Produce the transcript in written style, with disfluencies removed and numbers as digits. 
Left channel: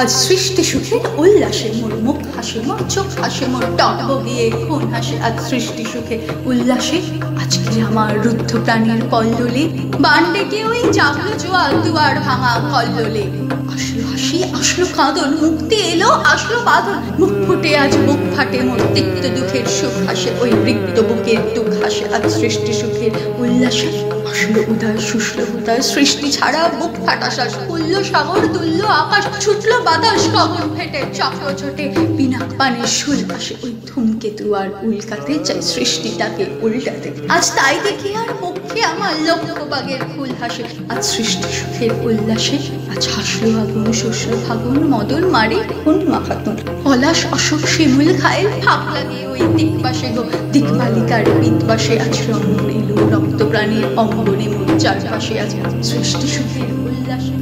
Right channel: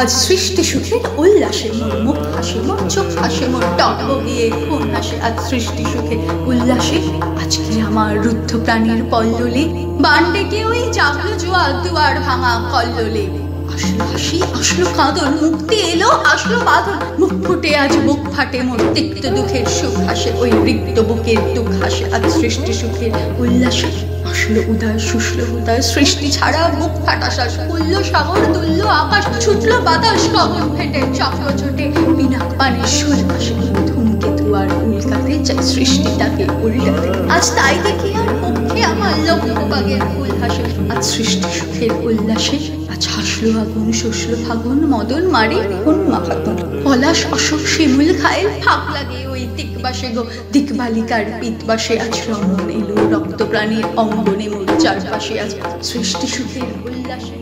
আজ সৃষ্টি সুখে উল্লাসে মোর মুখ হাসে, মোর চোখ হাসে, মোর টক গিয়ে খুন হাসে। আজ সৃষ্টি সুখে উল্লাসে আজকে আমার রুদ্ধ প্রাণীর কল্লোলে বান ডেকে ওই জাগলো জোয়ার দুয়ার ভাঙা কল্লোলে। আসলো হাসি, আসলো কাঁদন, মুক্তি এলো, আসলো বাঁধন। মুখ ফুটে আজ বুক ফাটে, মোর তিক্ত দুঃখের সুখ হাসে, ওই রিক্ত বুকের দুঃখ হাসে। আজ সৃষ্টি সুখের উল্লাসে আসলো উদয়, শুষলো উদয়, সৃষ্টি ছাড়া বুক ফাটা শ্বাস। খুলল সাগর, তুলল আকাশ, ছুটলো বাতাস, গগন ফেটে চক্র ছোটে, পিনাক পানির সুর আসে। ওই ধূমকেতু আর উল্কাতে চাই সৃষ্টিটাকে উল্টাতে। আজ তাই দেখি আর পক্ষে আমার লক্ষ্যবাগের ফুল হাসে। আজ সৃষ্টি সুখের উল্লাসে আজ হাসলো আগুন, শসলো ফাগুন, মদন মারে খুন মাখাতুন। পলাশ অশোক শিমুল খায়ের ফাঁক লাগে ওই দিকবাসে গো, দিকবালিকার পিতবাসে। আজ রমন এলো রক্ত প্রাণীর অঙ্গনে মোর চারপাশে। আজ সৃষ্টি সুখের উল্লাসে।